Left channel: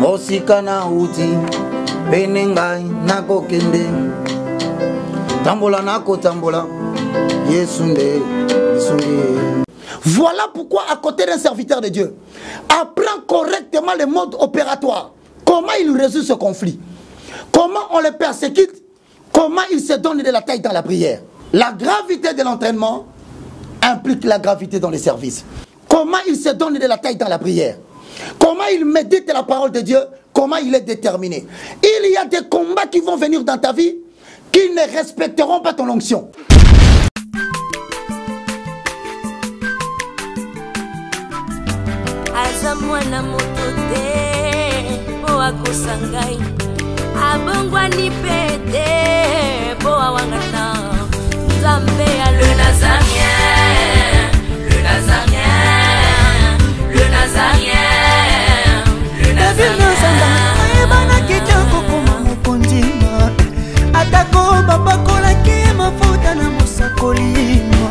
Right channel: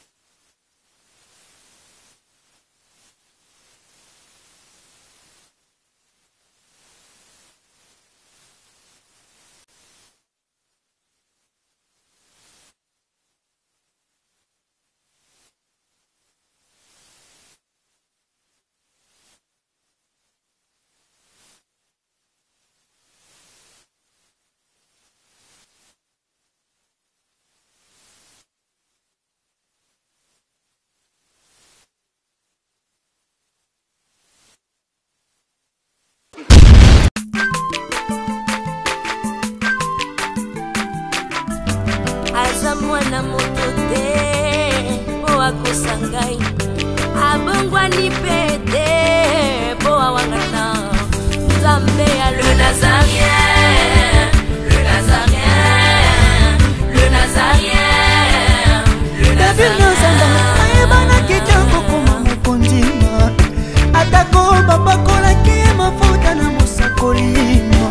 mosika na uti benengai nako kende tambola nako tambola yesunde yesunde. Voilà pourquoi à côté d'un serviteur de Dieu, apprends correctement le mode opératoire. Comment il résout ce conflit, comment on le persécute, comment il se donne de la taille dans la prière. La gravité de l'entraînement implique la gravité dans les services. Comment il se donne de la taille dans la prière, comment il médite la parole de Dieu, comment il est déterminé. Il y a des combats qui vont venir dans ta vie qui ne respecteront pas ton onction. Azamwana motote po akosangai abongwani pete po awangata Nzambe ya le Nazarien, le Nazarien, le Nazarien. David Nazamba ayebana kitoko kuma mukondima atako babakola ki mafuta na musakolima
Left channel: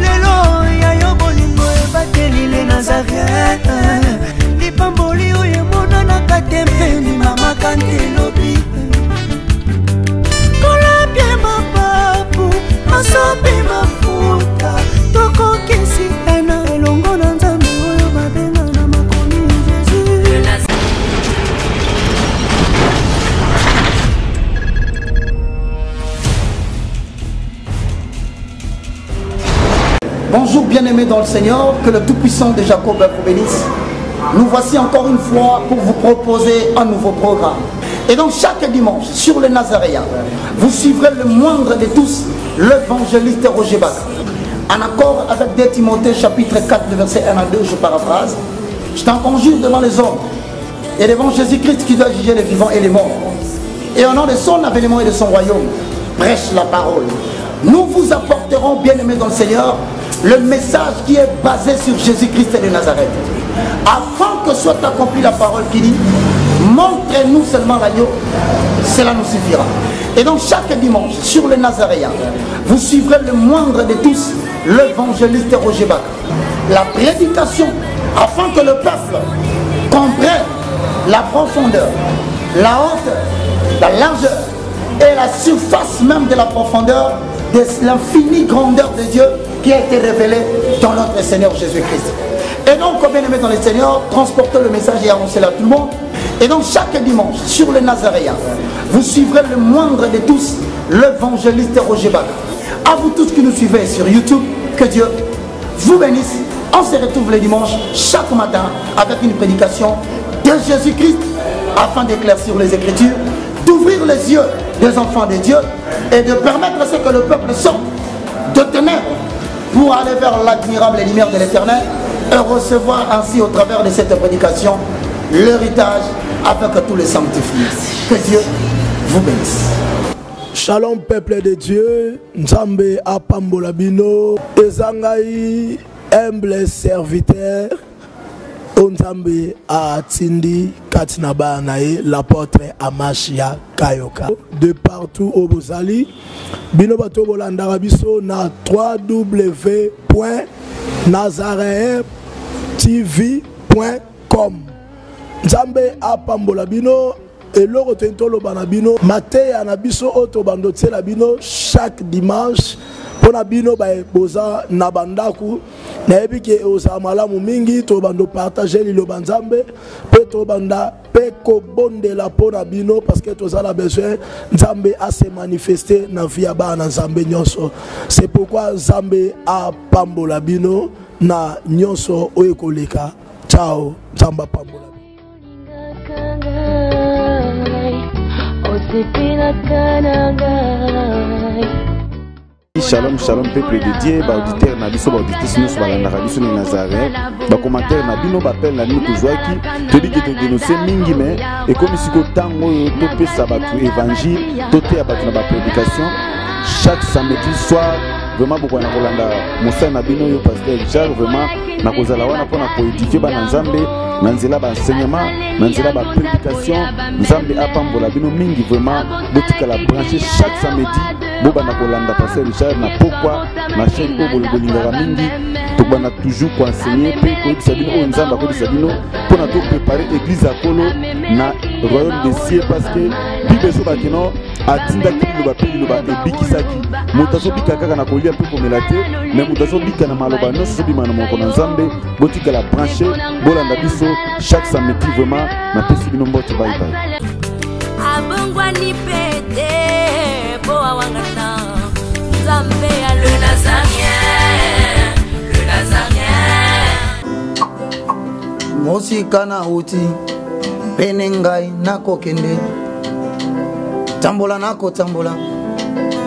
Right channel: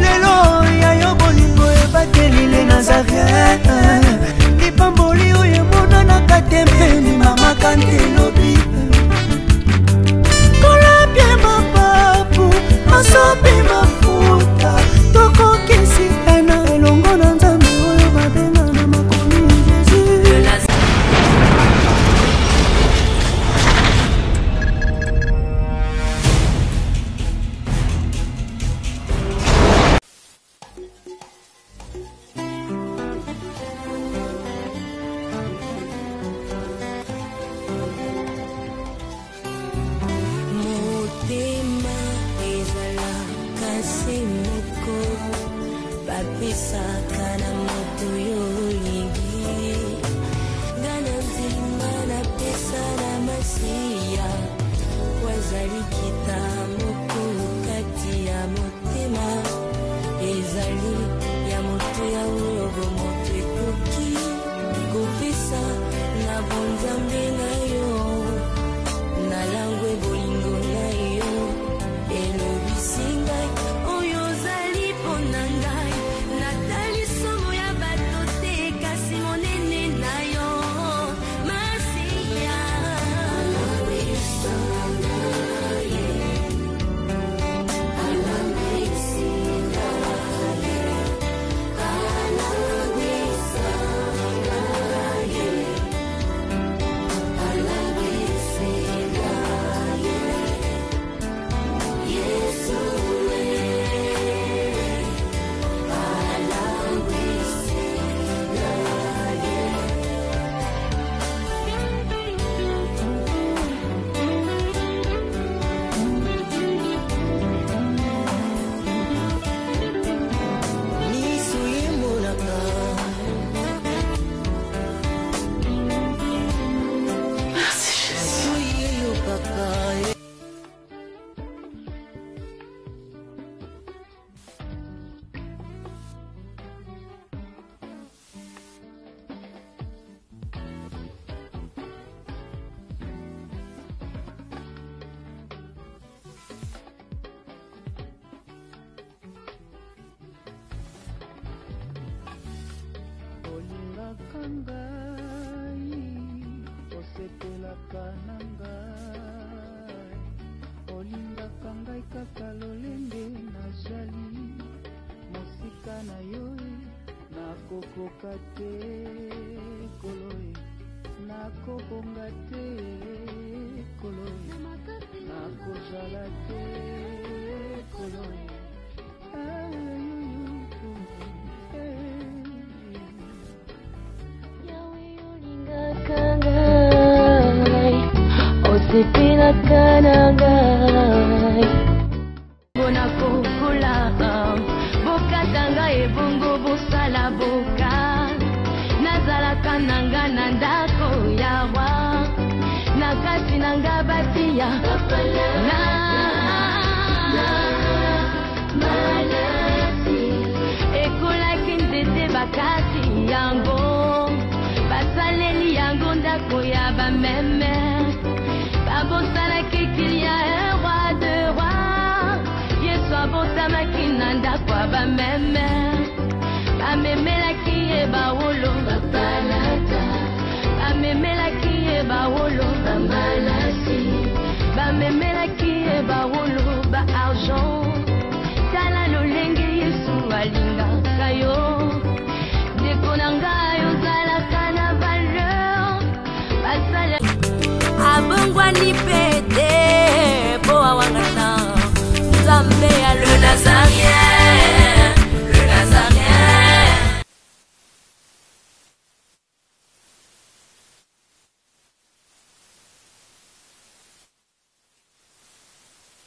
lelo ya yobolingo ebateli le Nazarien lipamboli oyo mona na katempeni mama kantelobi kola bien mapapu masopi mafuta toko kisi ena elongo na Nzambe oyo babenga na makomi Jésus. Bonjour bien-aimés dans le Seigneur, que le Tout-Puissant de Jacob vous bénisse. Nous voici encore une fois pour vous proposer un nouveau programme. Et donc chaque dimanche, sur le Nazaréen, vous suivrez le moindre de tous, l'évangéliste Roger Bach. En accord avec 2 Timothée chapitre 4, verset 1 à 2, je paraphrase. Je t'en conjure devant les hommes et devant Jésus-Christ qui doit juger les vivants et les morts. Et au nom de son avènement et de son royaume, prêche la parole. Nous vous apporterons, bien-aimés dans le Seigneur, le message qui est basé sur Jésus-Christ et de Nazareth. Afin que soit accomplie la parole qui dit, montrez-nous seulement l'agneau, cela nous suffira. Et donc chaque dimanche, sur le Nazaréen, vous suivrez le moindre de tous, l'évangéliste Roger Bach. La prédication, afin que le peuple comprenne la profondeur, la hauteur, la largeur et la surface même de la profondeur de l'infinie grandeur de Dieu qui a été révélé dans notre Seigneur Jésus-Christ. Et donc, bien aimé dans le Seigneur, transportez le message et annoncez-le à tout le monde. Et donc, chaque dimanche, sur le Nazaréen, vous suivrez le moindre de tous, l'évangéliste Roger Bach. À vous tous qui nous suivez sur YouTube, que Dieu vous bénisse. On se retrouve le dimanche, chaque matin, avec une prédication de Jésus-Christ, afin d'éclaircir les Écritures, d'ouvrir les yeux des enfants de Dieu et de permettre à ce que le peuple sorte de ténèbres pour aller vers l'admirable lumière de l'Éternel et recevoir ainsi au travers de cette prédication l'héritage afin que tous les sanctifient. Que Dieu vous bénisse. Shalom peuple de Dieu, Nzambe apambola bino, ezangai humble serviteur, Nzambe atindi katinaba nae l'apôtre Amashia Kayoka. De partout au Bozali, bino bato bolanda biso na www.nazareentv.com. Nzambe apambola bino. Et le retentolo banabino, maté anabiso auto bandote labino chaque dimanche. Ponabino ba boza nabandaku. Na ebike oza malamu mingi to bando partager lilo banzambe. Pe to banda pe ko bonde la ponabino parce que to zala besoin nzambe a se manifester na via ba na nzambe nyonso. C'est pourquoi nzambe a pambola bino na nyonso oyekoleka. Ciao, nzamba pambola. Shalom, shalom, peuple de Dieu, auditeur na biso auditrice na biso na Nazareth, ba commentaire na bino ba pelle na nous joie to di nous c'est mingi mais et comme si ko tango to pesa ba évangile to te ba na prédication chaque samedi soir vraiment beaucoup na kolanda musa na bino yo pasteur Charles vraiment na kozala wana pour étudier ba Nzambe na nzela baenseignement na nzela baprédication nzambe apambola bino mingi vraiment botikala branche chaque samedi bobanda kolanda pasteur Richard na pourquoi ma chaîne kolingela mingi tobanda toujours koenseigner koyebisa bino nzambe akolisa bino mpona topréparer église ya kolo na royaume des cieux parce que bible ezobaki no atindaki bino babebikisaki moto azobika kaka na kolia mpe komela te me moto azobika na maloba nyonso bima na moko na nzambe botikala branche bolanda biso chaque samedi vraiment napesi bino mbote baibai abongwani pete po awangana nzambe alona mosika na uti pene ngai nakokende tambola nakotambola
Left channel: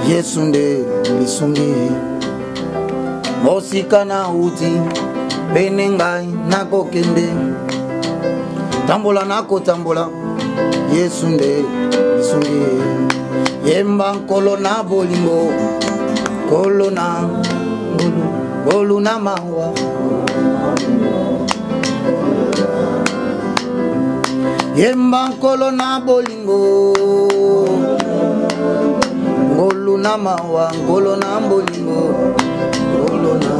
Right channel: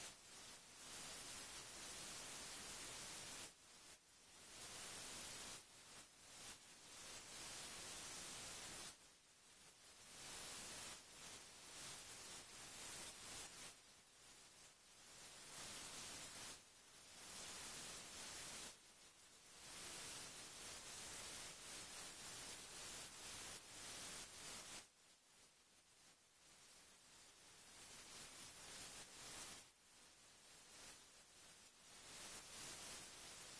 yesu nde lisungi mosika na uti pene ngai nakokende tambola nakotambola yesu nde lisungi yemba nkolo na bolingo kolo na ngolu na mawa yemba nkolo na bolingo ngolu na mawa ngolo na bolingo ngolo na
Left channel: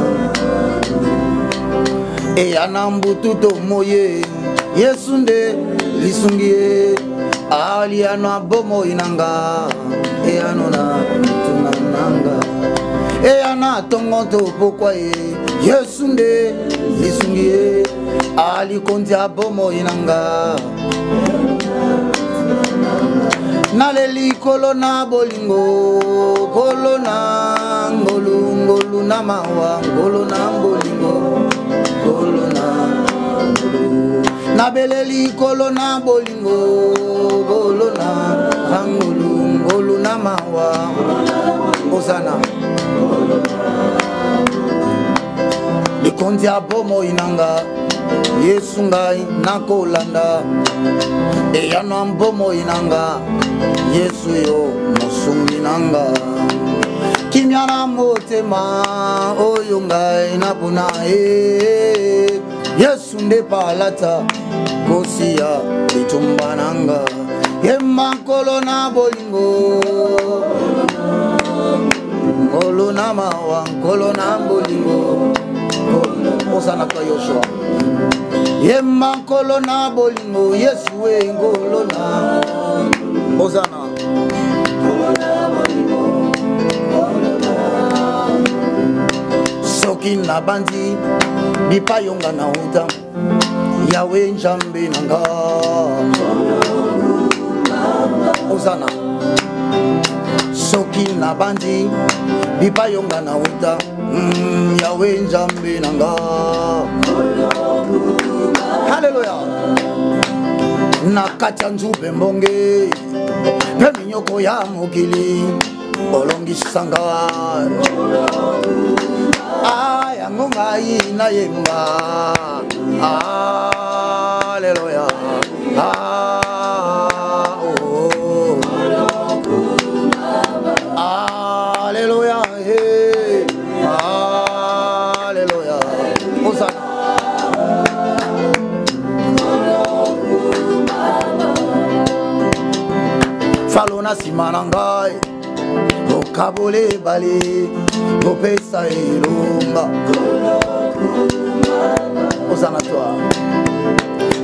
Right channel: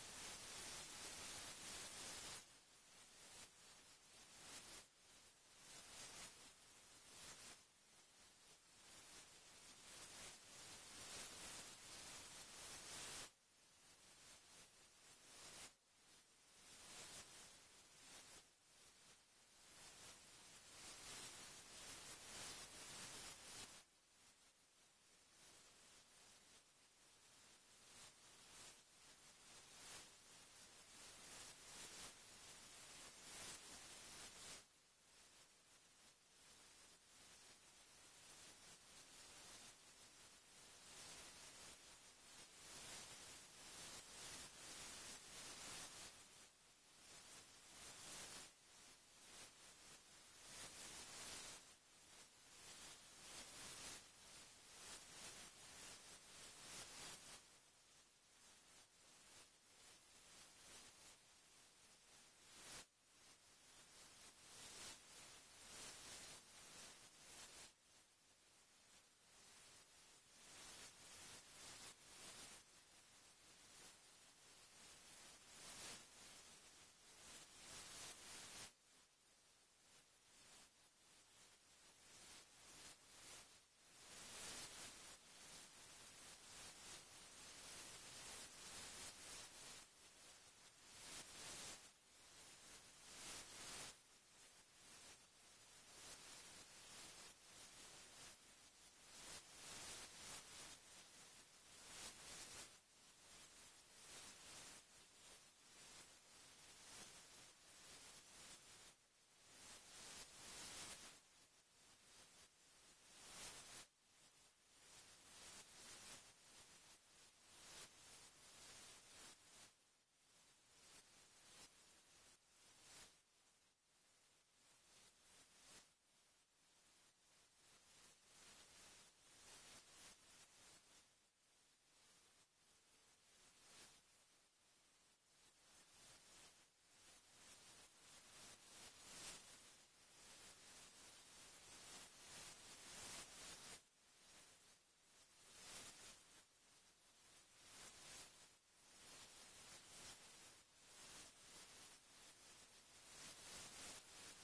eyana mbututo moye yesu nde lisungi aliano abomo inanga eyano na tunananga eyana tongoto pokwa yesu nde lisungi ali konti abomo inanga naleli kolo na bolingo kolo na ngolu ngolu na mawa ngolo na bolingo kolo na ngolu nabeleli kolo na bolingo kolo na ngolu ngolu na mawa osana likonzi abomo inanga yesu ngai nakolanda eyano mbomo inanga yesu yo mosungi nanga kimya na motema oyo ngai napona yesu nde palata kosia litumba nanga yemba nkolo na bolingo ngolo na mawa nkolo na bolingo osana kwa yoshua yemba nkolo na bolingo yesu we ngolo na osana soki na bandi bipayonga na uta yawe njambe nanga osana soki na bandi bipayonga na uta yawe njambe nanga haleluya nakatya nzube mbonge pe minyoko ya mokili olongisanga yango ngai nayemba haleluya haleluya haleluya osana falona nsima na ngai okabole bale kopesa elonga osana twa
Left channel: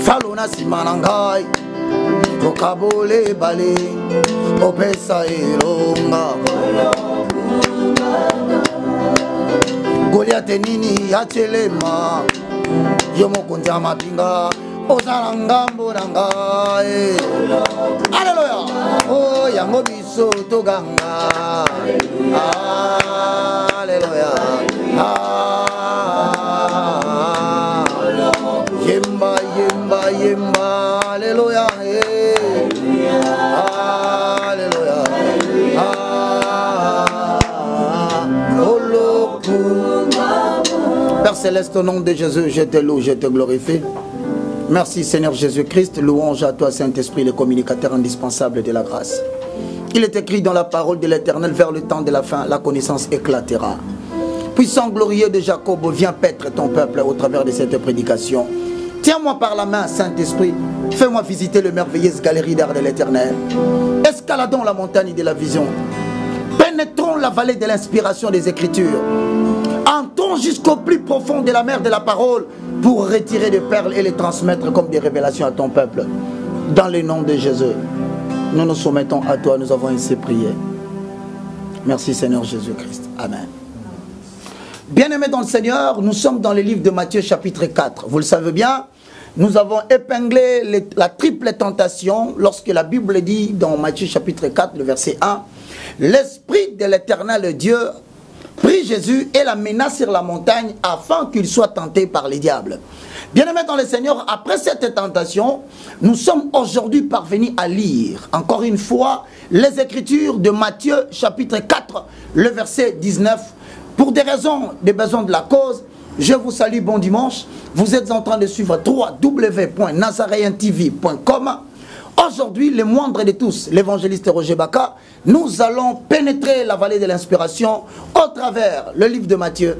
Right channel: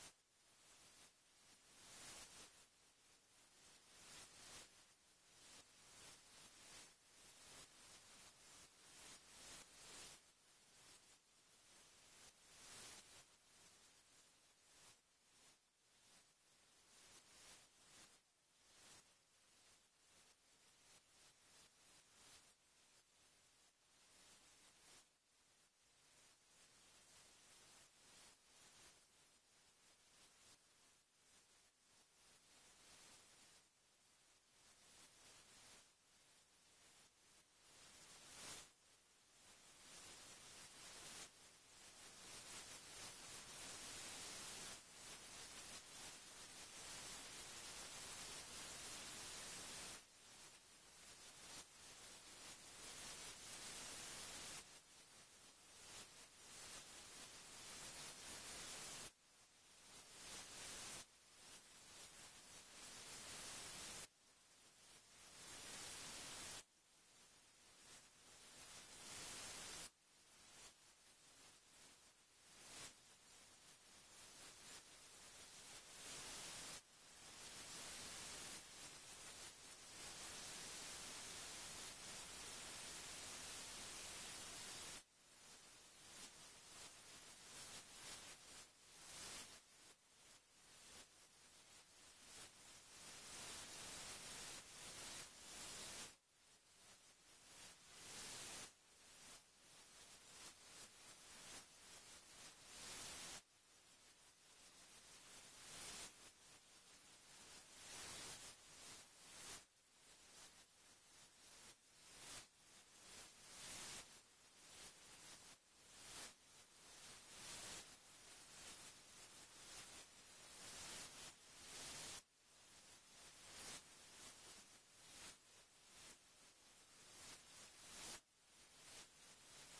falona nsima na ngai okabole bale kopesa elonga goliate nini ya telema yo mokonzi ya mapinga osana ngambo na ngai aleluya o yango biso toganga aleluya yemba yemba yemba aleluya aleluya Père Céleste, au nom de Jésus, je te loue, je te glorifie. Merci Seigneur Jésus-Christ, louange à toi Saint-Esprit, le communicateur indispensable de la grâce. Il est écrit dans la parole de l'Éternel, vers le temps de la fin, la connaissance éclatera. Puissant glorieux de Jacob, viens paître ton peuple au travers de cette prédication. Tiens-moi par la main, Saint-Esprit. Fais-moi visiter le merveilleuse galerie d'art de l'Éternel. Escaladons la montagne de la vision. Pénétrons la vallée de l'inspiration des Écritures. Entrons jusqu'au plus profond de la mer de la parole pour retirer des perles et les transmettre comme des révélations à ton peuple. Dans le nom de Jésus, nous nous soumettons à toi. Nous avons ainsi prié. Merci Seigneur Jésus-Christ. Amen. Bien-aimés dans le Seigneur, nous sommes dans le livre de Matthieu chapitre 4. Vous le savez bien, nous avons épinglé la triple tentation lorsque la Bible dit dans Matthieu chapitre 4, le verset 1, « L'Esprit de l'Éternel Dieu prit Jésus et la mena sur la montagne afin qu'il soit tenté par les diables. » Bien-aimés dans le Seigneur, après cette tentation, nous sommes aujourd'hui parvenus à lire, encore une fois, les Écritures de Matthieu chapitre 4, le verset 19. Pour des raisons, des besoins de la cause, je vous salue, bon dimanche. Vous êtes en train de suivre www.nazareentv.com. Aujourd'hui, le moindre de tous, l'évangéliste Roger Baka, nous allons pénétrer la vallée de l'inspiration au travers le livre de Matthieu,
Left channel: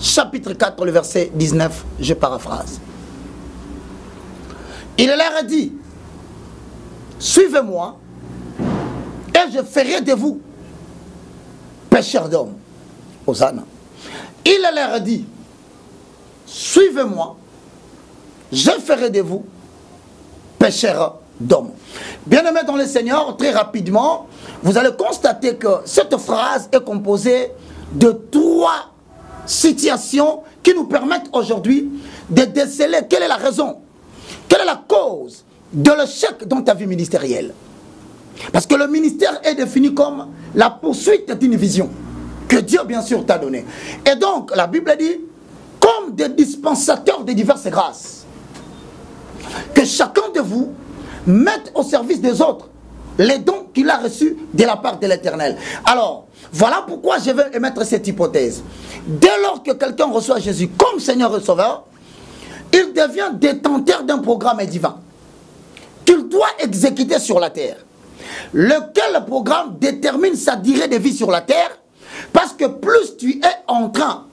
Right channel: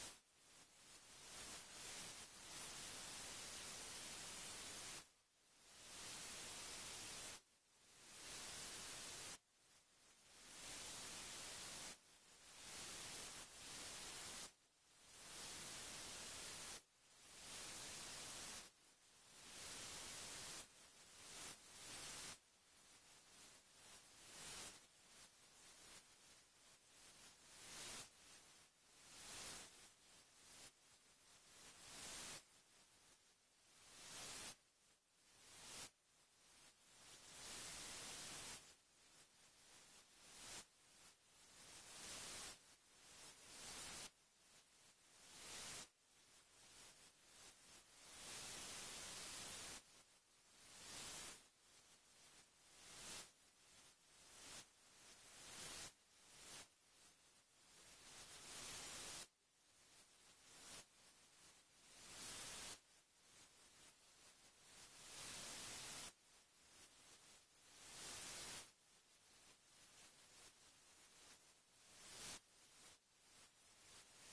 chapitre 4, le verset 19, je paraphrase. Il leur a dit, suivez-moi et je ferai de vous pécheurs d'hommes. Hosanna. Il leur a dit, suivez-moi, je ferai de vous pécheurs d'hommes. Bien-aimés dans le Seigneur, très rapidement, vous allez constater que cette phrase est composée de 3 situations qui nous permettent aujourd'hui de déceler quelle est la raison, quelle est la cause de l'échec dans ta vie ministérielle. Parce que le ministère est défini comme la poursuite d'une vision que Dieu, bien sûr, t'a donnée. Et donc, la Bible dit, comme des dispensateurs de diverses grâces, que chacun de vous mette au service des autres les dons qu'il a reçus de la part de l'Éternel. Alors, voilà pourquoi je vais émettre cette hypothèse. Dès lors que quelqu'un reçoit Jésus comme Seigneur et Sauveur, il devient détenteur d'un programme divin qu'il doit exécuter sur la terre. Lequel programme détermine sa durée de vie sur la terre, parce que plus tu es en train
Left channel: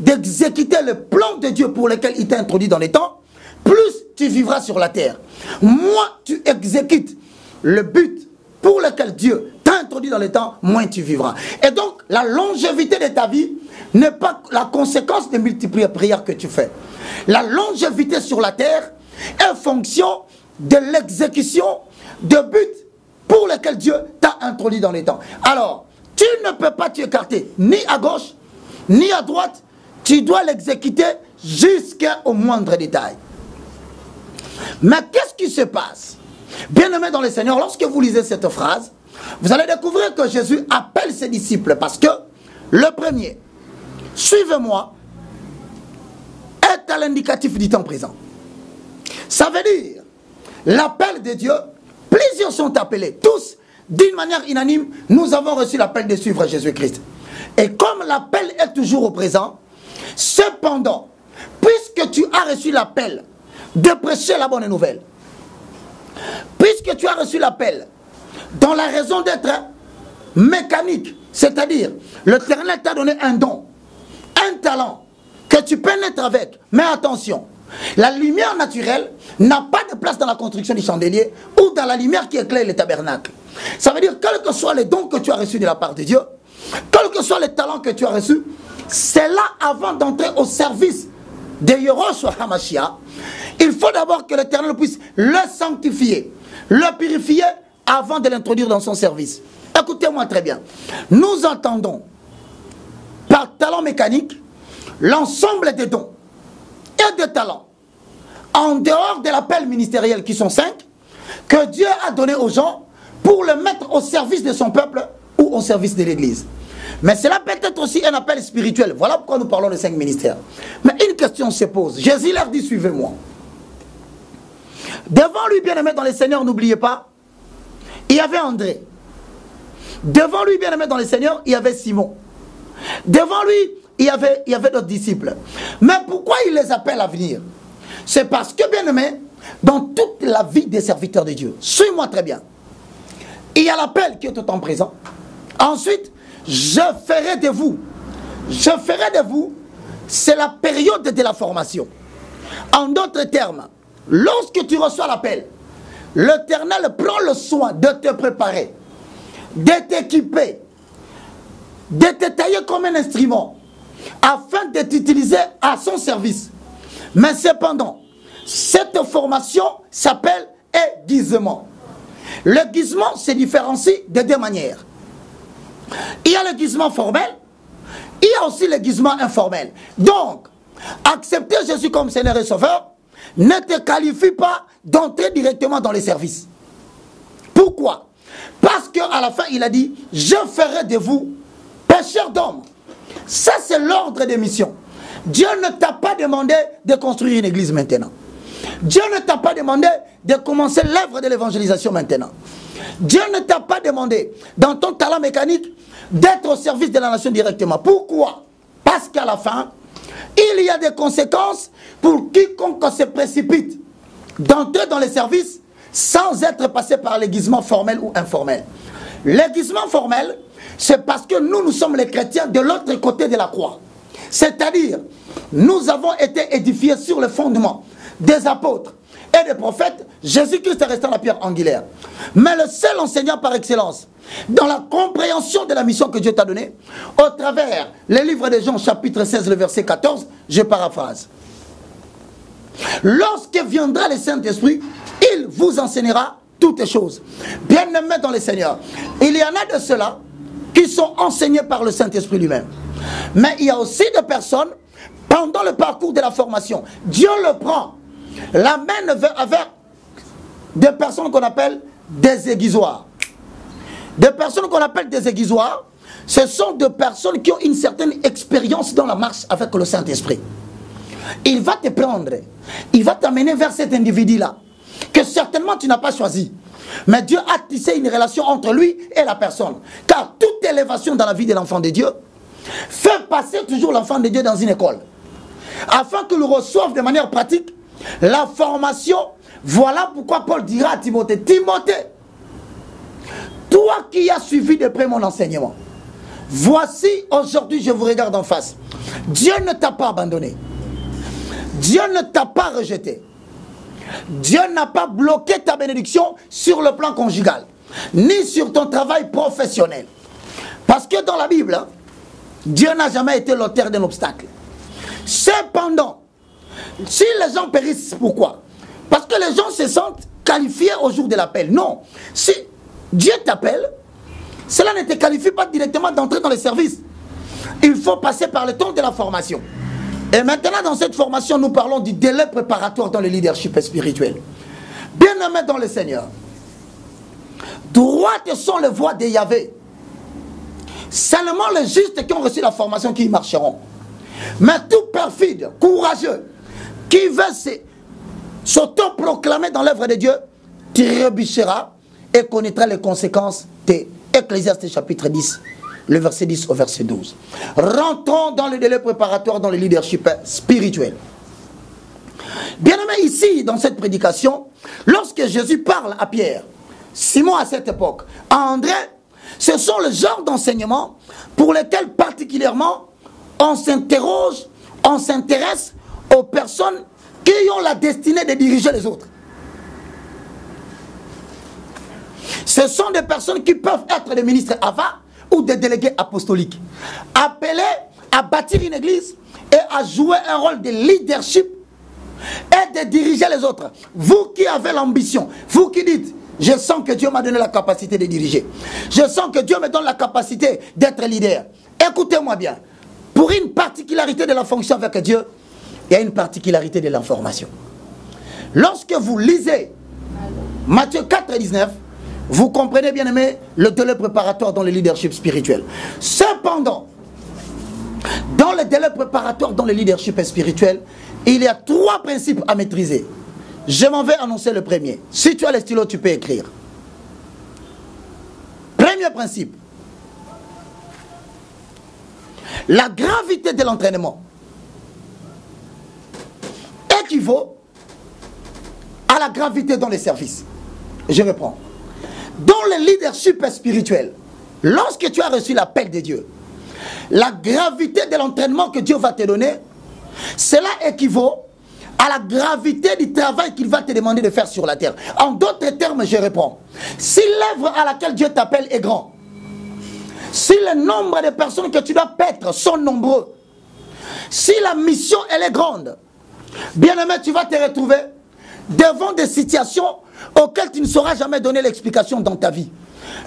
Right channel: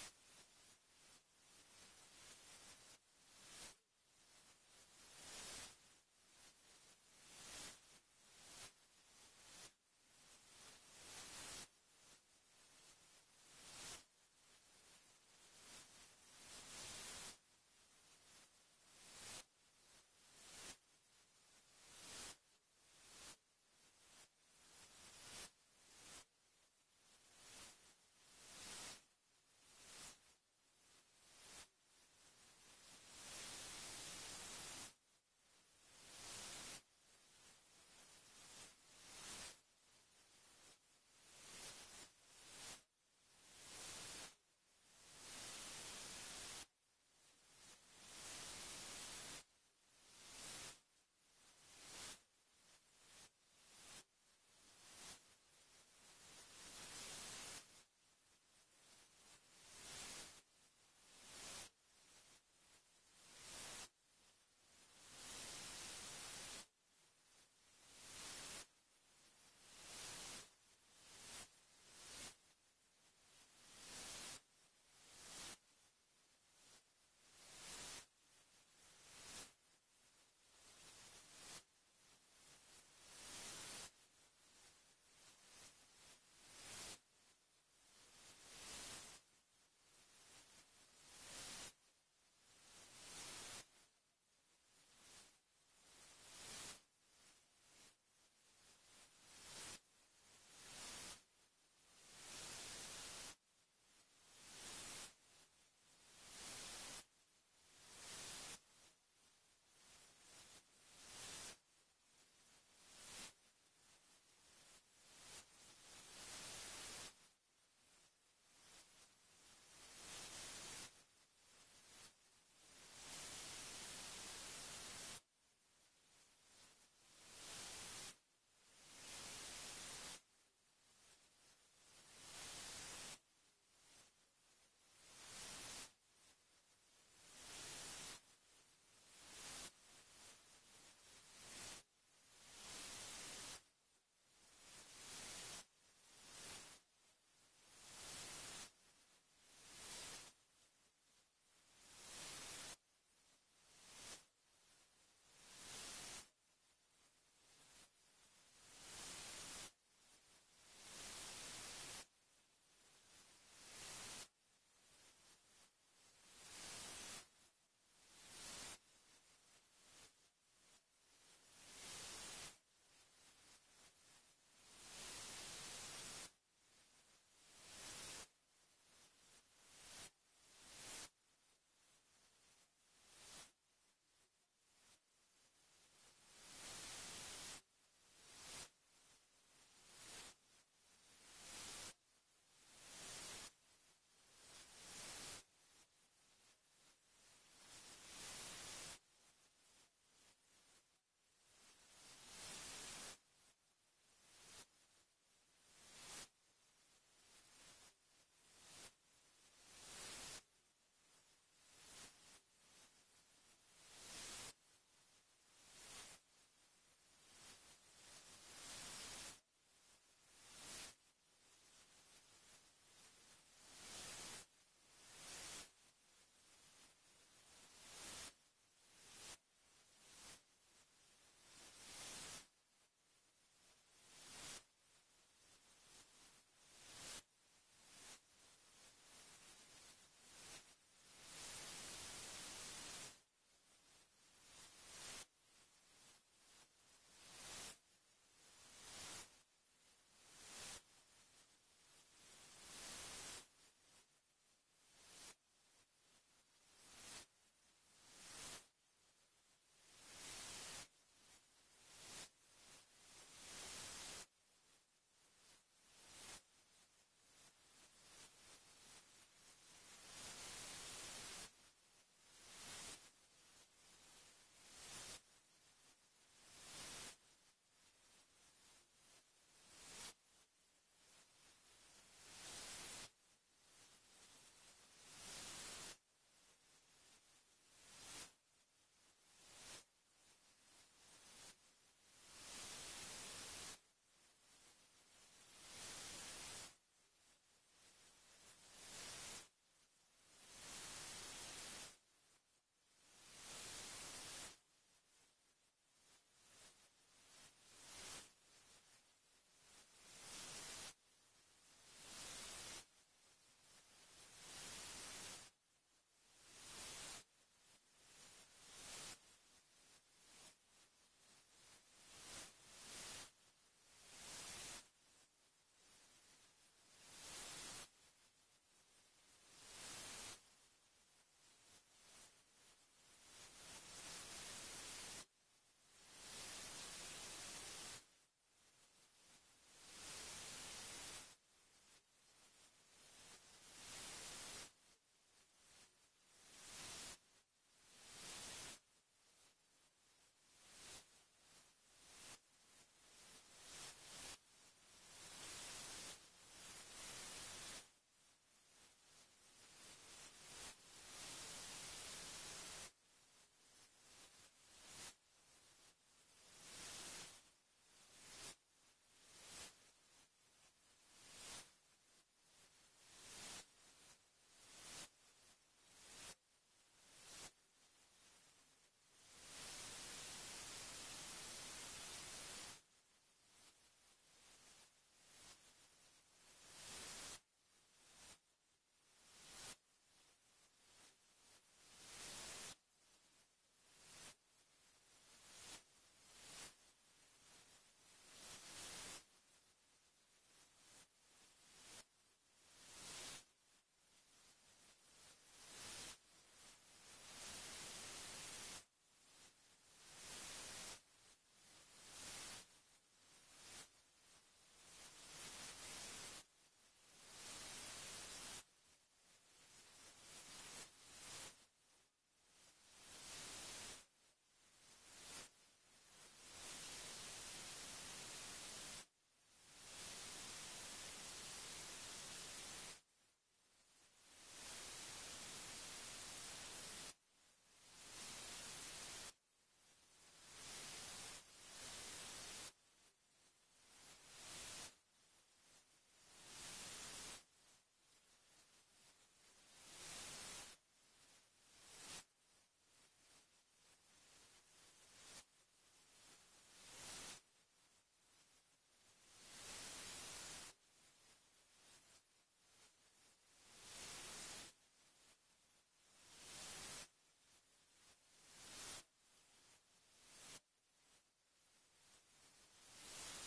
d'exécuter le plan de Dieu pour lequel il t'a introduit dans les temps, plus tu vivras sur la terre. Moins tu exécutes le but pour lequel Dieu t'a introduit dans les temps, moins tu vivras. Et donc, la longévité de ta vie n'est pas la conséquence des multiples prières que tu fais. La longévité sur la terre est fonction de l'exécution de buts pour lesquels Dieu t'a introduit dans les temps. Alors, tu ne peux pas t'écarter ni à gauche, ni à droite. Tu dois l'exécuter jusqu'au moindre détail. Mais qu'est-ce qui se passe? Bien-aimés dans le Seigneur, lorsque vous lisez cette phrase, vous allez découvrir que Jésus appelle ses disciples parce que le premier, suivez-moi, est à l'indicatif du temps présent. Ça veut dire, l'appel de Dieu, plusieurs sont appelés, tous, d'une manière unanime, nous avons reçu l'appel de suivre Jésus-Christ. Et comme l'appel est toujours au présent, cependant, puisque tu as reçu l'appel de prêcher la bonne nouvelle, puisque tu as reçu l'appel dans la raison d'être mécanique, c'est-à-dire l'Éternel t'a donné un don, un talent que tu pénètres avec, mais attention, la lumière naturelle n'a pas de place dans la construction du chandelier ou dans la lumière qui éclaire le tabernacle. Ça veut dire, quels que soient les dons que tu as reçus de la part de Dieu, quels que soient les talents que tu as reçus, c'est là avant d'entrer au service de Yehoshua HaMashiach, il faut d'abord que l'Éternel puisse le sanctifier, le purifier avant de l'introduire dans son service. Écoutez-moi très bien. Nous entendons par talent mécanique l'ensemble des dons et des talents en dehors de l'appel ministériel qui sont 5 que Dieu a donné aux gens pour le mettre au service de son peuple ou au service de l'Église. Mais cela peut être aussi un appel spirituel. Voilà pourquoi nous parlons de 5 ministères. Mais une question se pose. Jésus leur dit, suivez-moi. Devant lui, bien-aimé dans le Seigneur, n'oubliez pas, il y avait André. Devant lui, bien-aimé dans le Seigneur, il y avait Simon. Devant lui, il y avait d'autres disciples. Mais pourquoi il les appelle à venir? C'est parce que, bien-aimé, dans toute la vie des serviteurs de Dieu, suis-moi très bien, il y a l'appel qui est au temps présent. Ensuite, je ferai de vous. Je ferai de vous, c'est la période de la formation. En d'autres termes, lorsque tu reçois l'appel, l'Éternel prend le soin de te préparer, de t'équiper, de te tailler comme un instrument, afin de t'utiliser à son service. Mais cependant, cette formation s'appelle aiguisement. L'aiguisement se différencie de deux manières. Il y a l'aiguisement formel, il y a aussi l'aiguisement informel. Donc, accepter Jésus comme Seigneur et Sauveur ne te qualifie pas d'entrer directement dans les services. Pourquoi? Parce qu'à la fin, il a dit, je ferai de vous pêcheurs d'hommes. Ça, c'est l'ordre des missions. Dieu ne t'a pas demandé de construire une église maintenant. Dieu ne t'a pas demandé de commencer l'œuvre de l'évangélisation maintenant. Dieu ne t'a pas demandé, dans ton talent mécanique, d'être au service de la nation directement. Pourquoi? Parce qu'à la fin, il y a des conséquences pour quiconque se précipite d'entrer dans les services sans être passé par l'aiguisement formel ou informel. L'aiguisement formel, c'est parce que nous sommes les chrétiens de l'autre côté de la croix. C'est-à-dire, nous avons été édifiés sur le fondement des apôtres et des prophètes. Jésus-Christ est resté la pierre angulaire. Mais le seul enseignant par excellence, dans la compréhension de la mission que Dieu t'a donnée, au travers les livres de Jean, chapitre 16, le verset 14, je paraphrase. Lorsque viendra le Saint-Esprit, il vous enseignera toutes choses. Bien-aimés dans le Seigneur, il y en a de ceux-là qui sont enseignés par le Saint-Esprit lui-même. Mais il y a aussi des personnes, pendant le parcours de la formation, Dieu le prend, l'amène avec des personnes qu'on appelle des aiguisoirs. Des personnes qu'on appelle des aiguisoirs, ce sont des personnes qui ont une certaine expérience dans la marche avec le Saint-Esprit. Il va te prendre, il va t'amener vers cet individu-là, que certainement tu n'as pas choisi. Mais Dieu a tissé une relation entre lui et la personne. Car toute élévation dans la vie de l'enfant de Dieu fait passer toujours l'enfant de Dieu dans une école. Afin qu'il reçoive de manière pratique la formation. Voilà pourquoi Paul dira à Timothée, Timothée, toi qui as suivi de près mon enseignement, voici aujourd'hui je vous regarde en face. Dieu ne t'a pas abandonné. Dieu ne t'a pas rejeté. Dieu n'a pas bloqué ta bénédiction sur le plan conjugal, ni sur ton travail professionnel. Parce que dans la Bible, Dieu n'a jamais été l'auteur d'un obstacle. Cependant, si les gens périssent, pourquoi? Parce que les gens se sentent qualifiés au jour de l'appel. Non. Si Dieu t'appelle, cela ne te qualifie pas directement d'entrer dans les services. Il faut passer par le temps de la formation. Et maintenant, dans cette formation, nous parlons du délai préparatoire dans le leadership spirituel. Bien-aimés dans le Seigneur, droites sont les voies de Yahvé. Seulement les justes qui ont reçu la formation qui y marcheront. Mais tout perfide, courageux, qui veut s'auto-proclamer dans l'œuvre de Dieu, trébuchera et connaîtra les conséquences de Ecclésiaste chapitre 10. Le verset 10 au verset 12. Rentrons dans le délai préparatoire dans le leadership spirituel. Bien aimé, ici, dans cette prédication, lorsque Jésus parle à Pierre, Simon à cette époque, à André, ce sont le genre d'enseignements pour lesquels particulièrement on s'interroge, on s'intéresse aux personnes qui ont la destinée de diriger les autres. Ce sont des personnes qui peuvent être des ministres AVA, ou des délégués apostoliques, appelés à bâtir une église et à jouer un rôle de leadership et de diriger les autres. Vous qui avez l'ambition, vous qui dites, je sens que Dieu m'a donné la capacité de diriger, je sens que Dieu me donne la capacité d'être leader. Écoutez-moi bien, pour une particularité de la fonction avec Dieu, il y a une particularité de l'information. Lorsque vous lisez Matthieu 4, 19, vous comprenez, bien aimé, le délai préparatoire dans le leadership spirituel. Cependant, dans le délai préparatoire dans le leadership spirituel, il y a 3 principes à maîtriser. Je m'en vais annoncer le premier. Si tu as le stylo, tu peux écrire. Premier principe. La gravité de l'entraînement équivaut à la gravité dans les services. Je reprends. Dans le leadership spirituel, lorsque tu as reçu l'appel de Dieu, la gravité de l'entraînement que Dieu va te donner, cela équivaut à la gravité du travail qu'il va te demander de faire sur la terre. En d'autres termes, je réponds. Si l'œuvre à laquelle Dieu t'appelle est grand, si le nombre de personnes que tu dois paître sont nombreux, si la mission elle est grande, bien-aimé, tu vas te retrouver devant des situations auxquelles tu ne sauras jamais donner l'explication dans ta vie.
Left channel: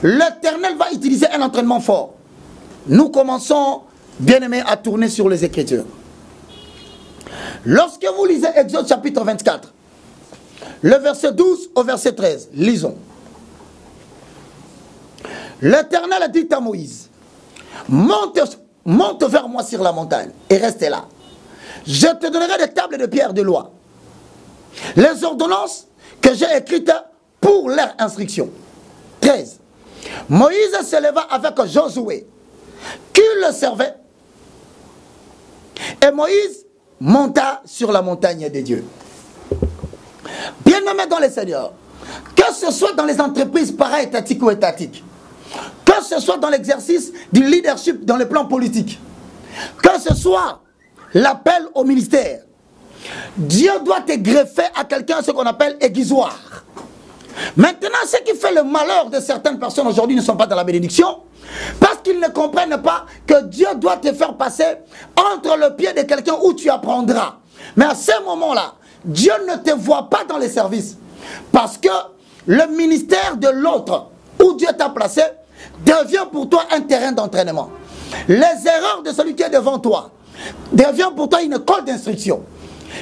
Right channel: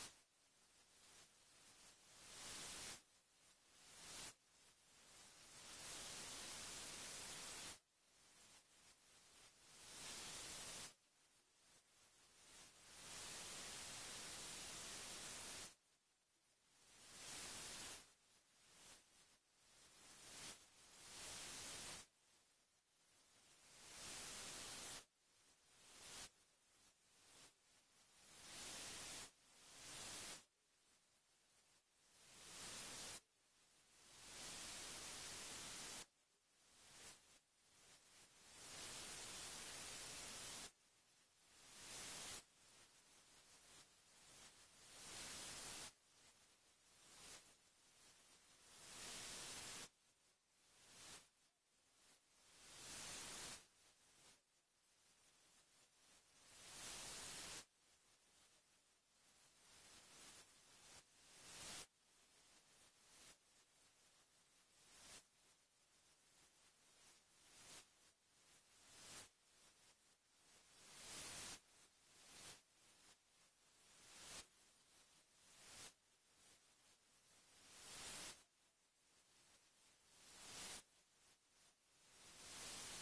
L'Éternel va utiliser un entraînement fort. Nous commençons, bien-aimé, à tourner sur les Écritures. Lorsque vous lisez Exode chapitre 24, le verset 12 au verset 13, lisons. L'Éternel dit à Moïse, monte vers moi sur la montagne et reste là. Je te donnerai des tables de pierre de loi, les ordonnances que j'ai écrites pour leur instruction. 13. Moïse se leva avec Josué, qui le servait, et Moïse monta sur la montagne de Dieu. Bien-aimé dans le Seigneur, que ce soit dans les entreprises para-étatiques ou étatiques, que ce soit dans l'exercice du leadership dans le plan politique, que ce soit l'appel au ministère, Dieu doit te greffer à quelqu'un ce qu'on appelle aiguisoir. Maintenant, ce qui fait le malheur de certaines personnes aujourd'hui ne sont pas dans la bénédiction, parce qu'ils ne comprennent pas que Dieu doit te faire passer entre le pied de quelqu'un où tu apprendras. Mais à ce moment-là, Dieu ne te voit pas dans les services, parce que le ministère de l'autre où Dieu t'a placé devient pour toi un terrain d'entraînement. Les erreurs de celui qui est devant toi deviennent pour toi une école d'instruction.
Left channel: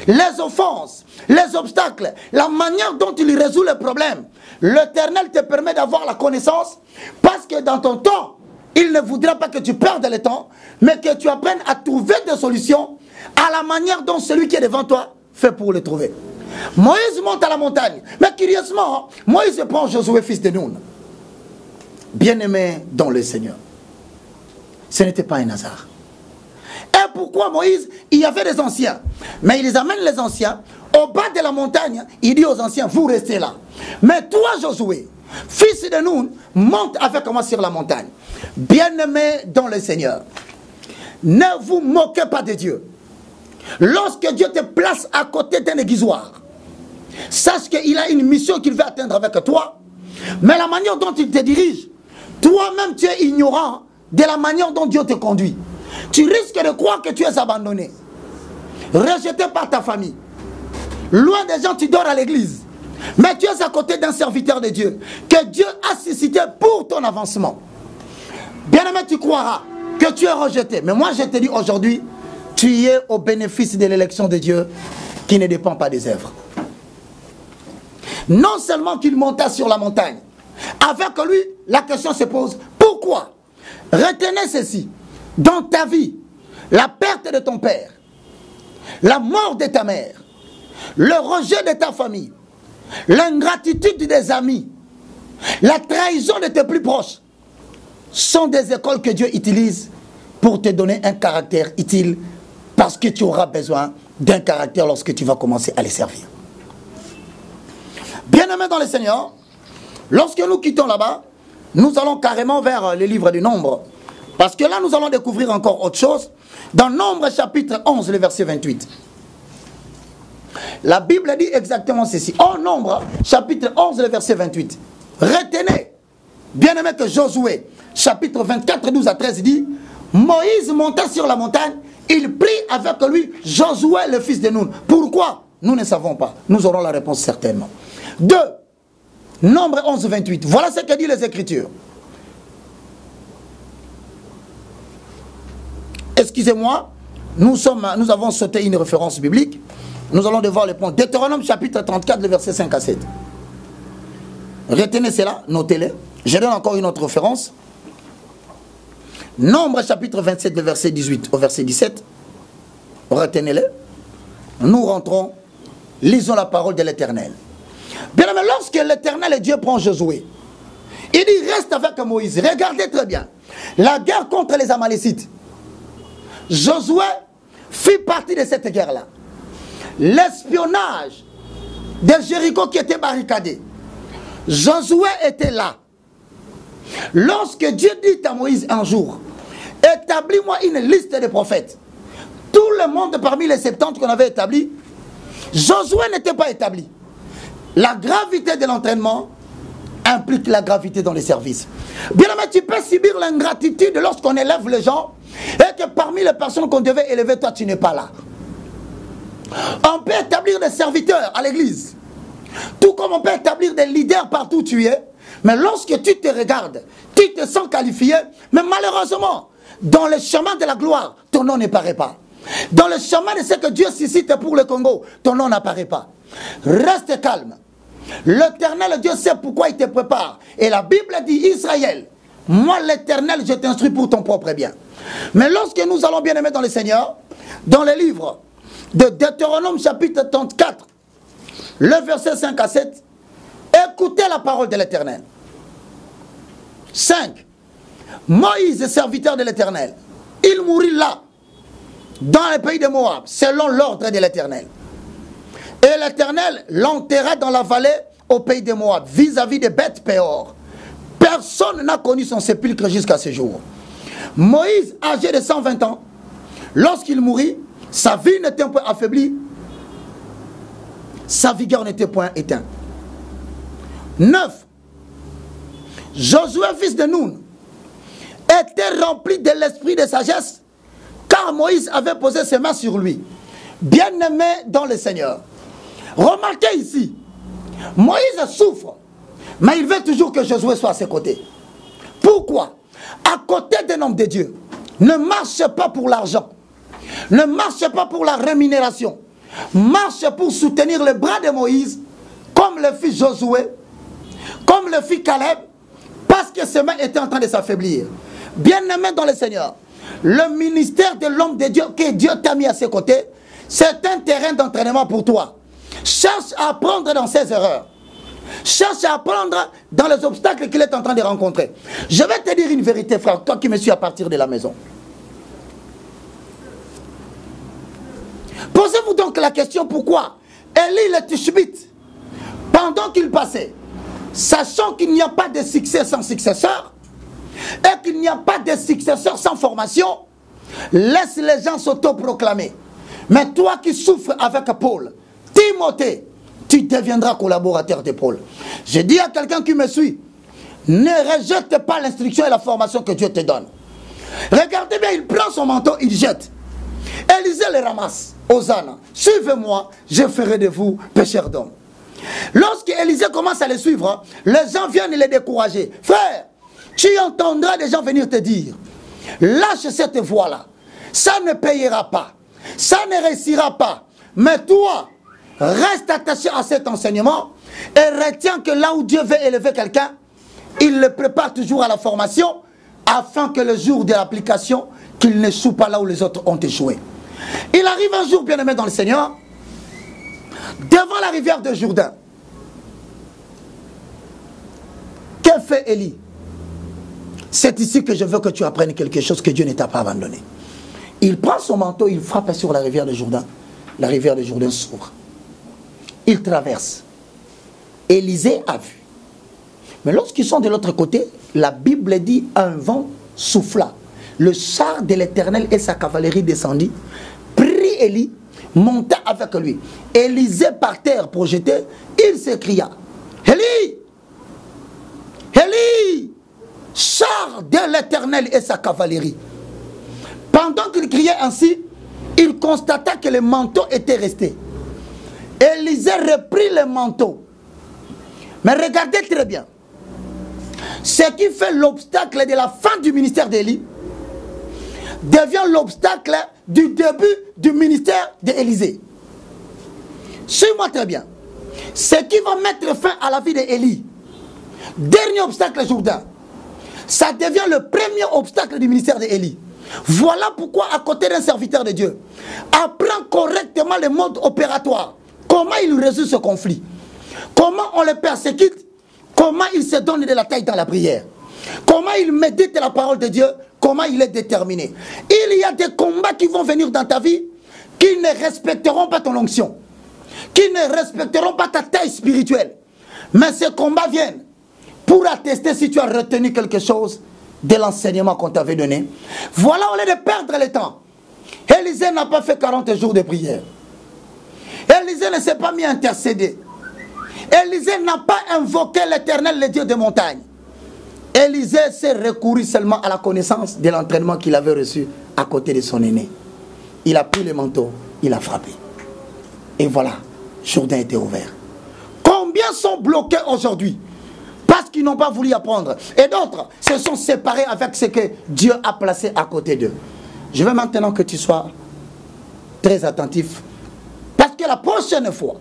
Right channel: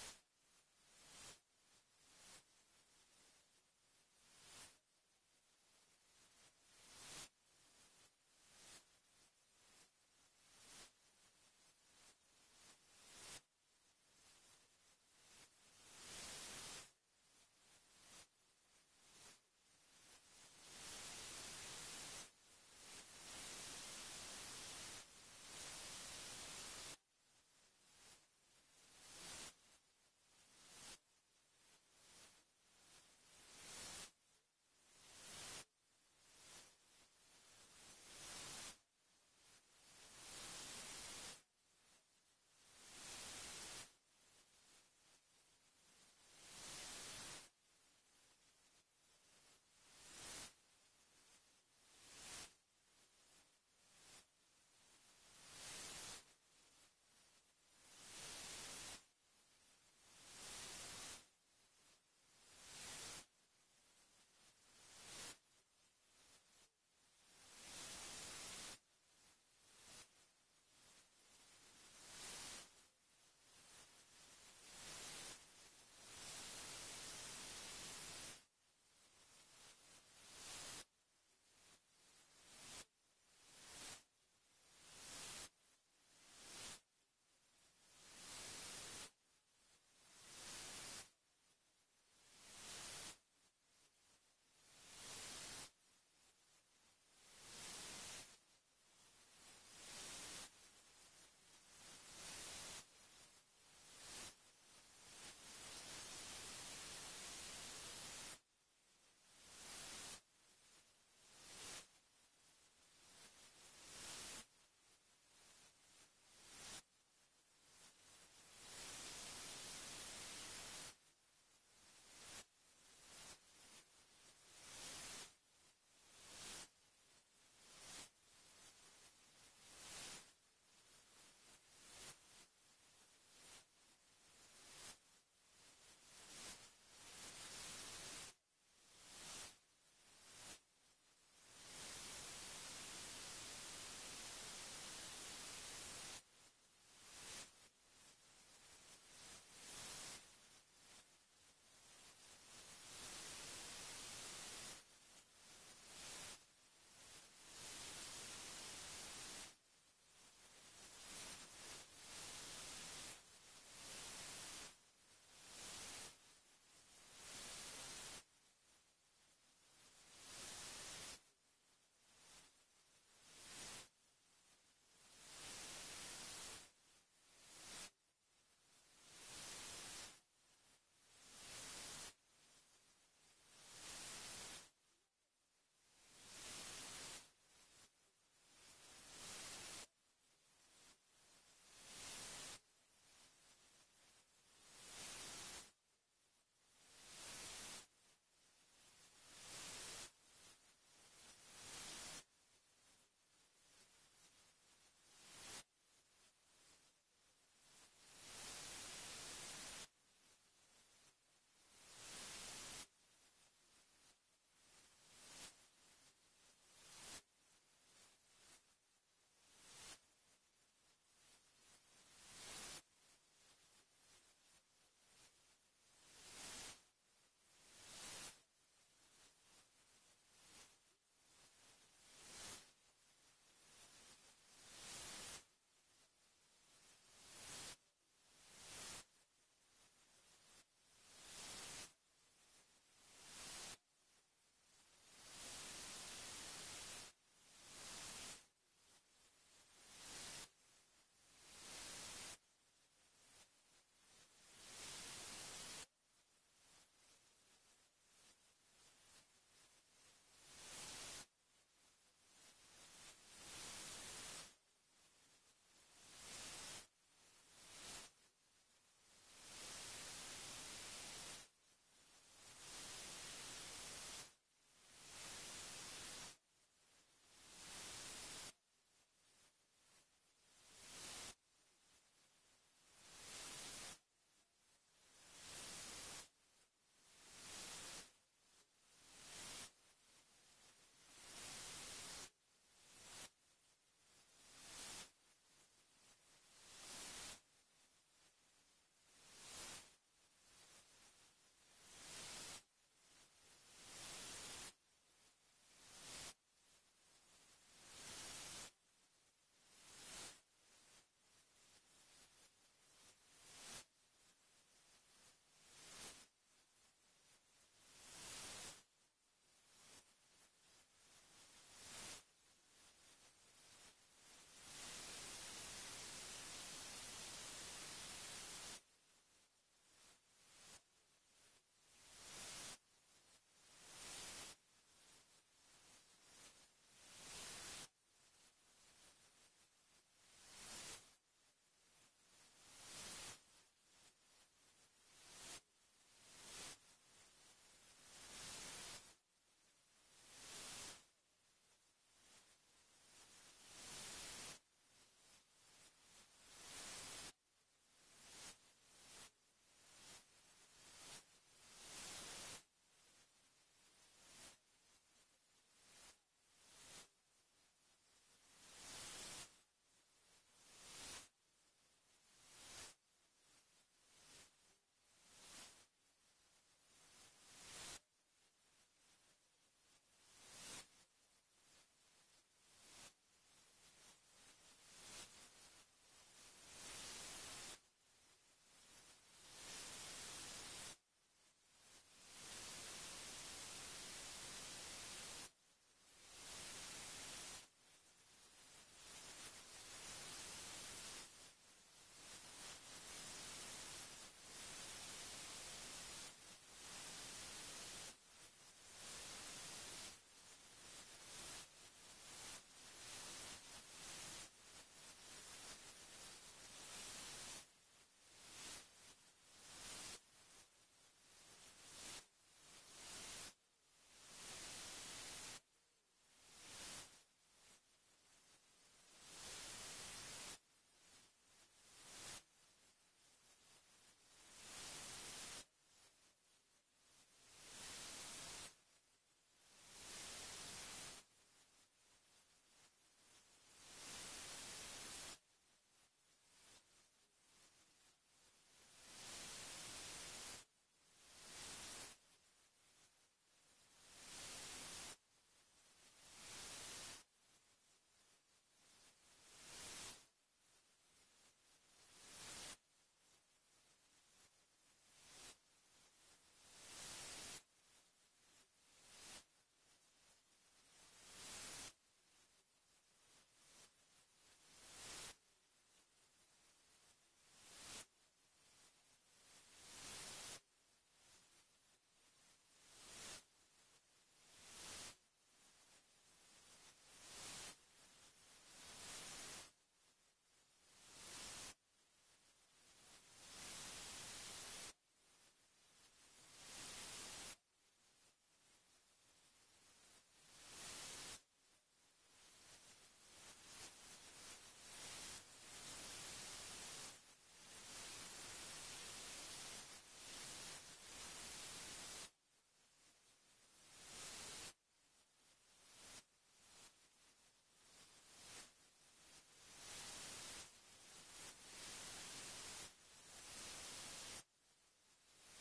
Les offenses, les obstacles, la manière dont il résout les problèmes, l'Éternel te permet d'avoir la connaissance, parce que dans ton temps, il ne voudra pas que tu perdes le temps, mais que tu apprennes à trouver des solutions à la manière dont celui qui est devant toi fait pour les trouver. Moïse monte à la montagne, mais curieusement, Moïse prend Josué fils de Nun, bien-aimé dans le Seigneur. Ce n'était pas un hasard. Et pourquoi Moïse, il y avait des anciens, mais il les amène les anciens au bas de la montagne, il dit aux anciens, vous restez là. Mais toi Josué, fils de Nun, monte avec moi sur la montagne. Bien-aimé dans le Seigneur, ne vous moquez pas de Dieu. Lorsque Dieu te place à côté d'un aiguisoir, sache qu'il a une mission qu'il veut atteindre avec toi, mais la manière dont il te dirige, toi-même tu es ignorant de la manière dont Dieu te conduit. Tu risques de croire que tu es abandonné, rejeté par ta famille. Loin des gens, tu dors à l'église. Mais tu es à côté d'un serviteur de Dieu que Dieu a suscité pour ton avancement. Bien-aimé, tu croiras que tu es rejeté. Mais moi, je te dis aujourd'hui, tu es au bénéfice de l'élection de Dieu qui ne dépend pas des œuvres. Non seulement qu'il monta sur la montagne, avec lui, la question se pose, pourquoi? Retenez ceci. Dans ta vie, la perte de ton père, la mort de ta mère, le rejet de ta famille, l'ingratitude des amis, la trahison de tes plus proches, sont des écoles que Dieu utilise pour te donner un caractère utile, parce que tu auras besoin d'un caractère lorsque tu vas commencer à les servir. Bien-aimés dans le Seigneur, lorsque nous quittons là-bas, nous allons carrément vers le livre du Nombre. Parce que là, nous allons découvrir encore autre chose. Dans Nombre chapitre 11, le verset 28. La Bible dit exactement ceci. En Nombre chapitre 11, le verset 28. Retenez, bien aimé, que Josué, chapitre 24, 12 à 13, dit, Moïse monta sur la montagne, il prit avec lui Josué, le fils de Nun. Pourquoi? Nous ne savons pas. Nous aurons la réponse certainement. 2. Nombre 11, 28. Voilà ce que disent les Écritures. Excusez-moi, nous avons sauté une référence biblique. Nous allons devoir le prendre. Deutéronome chapitre 34, le verset 5 à 7. Retenez cela, notez-le. Je donne encore une autre référence. Nombre chapitre 27, le verset 18 au verset 17. Retenez-le. Nous rentrons, lisons la parole de l'Éternel. Bien aimé, lorsque l'Éternel et Dieu prend Josué, il dit reste avec Moïse. Regardez très bien. La guerre contre les Amalécites. Josué fit partie de cette guerre-là. L'espionnage de Jéricho qui était barricadé. Josué était là. Lorsque Dieu dit à Moïse un jour, établis-moi une liste de prophètes. Tout le monde parmi les 70 qu'on avait établis, Josué n'était pas établi. La gravité de l'entraînement implique la gravité dans les services. Bien aimé, tu peux subir l'ingratitude lorsqu'on élève les gens et que parmi les personnes qu'on devait élever, toi tu n'es pas là. On peut établir des serviteurs à l'église, tout comme on peut établir des leaders partout où tu es, mais lorsque tu te regardes, tu te sens qualifié, mais malheureusement, dans le chemin de la gloire, ton nom n'apparaît pas. Dans le chemin de ce que Dieu suscite pour le Congo, ton nom n'apparaît pas. Reste calme. L'Éternel Dieu sait pourquoi il te prépare. Et la Bible dit, Israël, moi l'Éternel, je t'instruis pour ton propre bien. Mais lorsque nous allons bien aimer dans le Seigneur, dans le livre de Deutéronome chapitre 34, le verset 5 à 7, écoutez la parole de l'Éternel. 5. Moïse, serviteur de l'Éternel, il mourut là, dans le pays de Moab, selon l'ordre de l'Éternel. Et l'Éternel l'enterra dans la vallée au pays de Moab, vis-à-vis de Beth-Péor. Personne n'a connu son sépulcre jusqu'à ce jour. Moïse, âgé de 120 ans, lorsqu'il mourut, sa vie n'était point affaiblie, sa vigueur n'était point éteinte. 9. Josué, fils de Nun, était rempli de l'esprit de sagesse, car Moïse avait posé ses mains sur lui. Bien-aimé dans le Seigneur. Remarquez ici, Moïse souffre, mais il veut toujours que Josué soit à ses côtés. Pourquoi? À côté d'un homme de Dieu, ne marche pas pour l'argent, ne marche pas pour la rémunération, marche pour soutenir le bras de Moïse, comme le fit Josué, comme le fit Caleb, parce que ses mains étaient en train de s'affaiblir. Bien-aimé dans le Seigneur, le ministère de l'homme de Dieu que Dieu t'a mis à ses côtés, c'est un terrain d'entraînement pour toi. Cherche à apprendre dans ses erreurs. Cherche à apprendre dans les obstacles qu'il est en train de rencontrer. Je vais te dire une vérité, frère, toi qui me suis à partir de la maison. Posez-vous donc la question pourquoi Élie le Tishbite, pendant qu'il passait, sachant qu'il n'y a pas de succès sans successeur, et qu'il n'y a pas de successeur sans formation, laisse les gens s'autoproclamer. Mais toi qui souffres avec Paul, Timothée, tu deviendras collaborateur de Paul. Je dis à quelqu'un qui me suit, ne rejette pas l'instruction et la formation que Dieu te donne. Regardez bien, il prend son manteau, il jette. Élisée le ramasse. Hosanna, suivez-moi, je ferai de vous pécheurs d'hommes. Lorsque Élisée commence à le suivre, les gens viennent les décourager. Frère, tu entendras des gens venir te dire, lâche cette voie-là, ça ne payera pas, ça ne réussira pas. Mais toi, reste attaché à cet enseignement et retiens que là où Dieu veut élever quelqu'un, il le prépare toujours à la formation afin que le jour de l'application, qu'il n'échoue pas là où les autres ont échoué. Il arrive un jour, bien-aimé dans le Seigneur, devant la rivière de Jourdain. Que fait Élie? C'est ici que je veux que tu apprennes quelque chose que Dieu ne t'a pas abandonné. Il prend son manteau, il frappe sur la rivière de Jourdain. La rivière de Jourdain s'ouvre. Il traverse. Élisée a vu. Mais lorsqu'ils sont de l'autre côté, la Bible dit un vent souffla. Le char de l'Éternel et sa cavalerie descendit, prit Élie, monta avec lui. Élisée par terre projeté, il s'écria, Élie, Élie, char de l'Éternel et sa cavalerie. Pendant qu'il criait ainsi, il constata que le manteau était resté. Élisée reprit le manteau. Mais regardez très bien. Ce qui fait l'obstacle de la fin du ministère d'Élie devient l'obstacle du début du ministère d'Élisée. Suis-moi très bien. Ce qui va mettre fin à la vie d'Élie, dernier obstacle Jourdain, ça devient le premier obstacle du ministère d'Élie. Voilà pourquoi, à côté d'un serviteur de Dieu, apprends correctement le mode opératoire. Comment il résout ce conflit? Comment on le persécute? Comment il se donne de la taille dans la prière? Comment il médite la parole de Dieu? Comment il est déterminé? Il y a des combats qui vont venir dans ta vie qui ne respecteront pas ton onction, qui ne respecteront pas ta taille spirituelle. Mais ces combats viennent pour attester si tu as retenu quelque chose de l'enseignement qu'on t'avait donné. Voilà, au lieu de perdre le temps, Élisée n'a pas fait 40 jours de prière. Élisée ne s'est pas mis à intercéder. Élisée n'a pas invoqué l'Éternel, le Dieu des montagnes. Élisée s'est recouru seulement à la connaissance de l'entraînement qu'il avait reçu à côté de son aîné. Il a pris le manteau, il a frappé. Et voilà, Jourdain était ouvert. Combien sont bloqués aujourd'hui parce qu'ils n'ont pas voulu apprendre? Et d'autres se sont séparés avec ce que Dieu a placé à côté d'eux. Je veux maintenant que tu sois très attentif. Parce que la prochaine fois,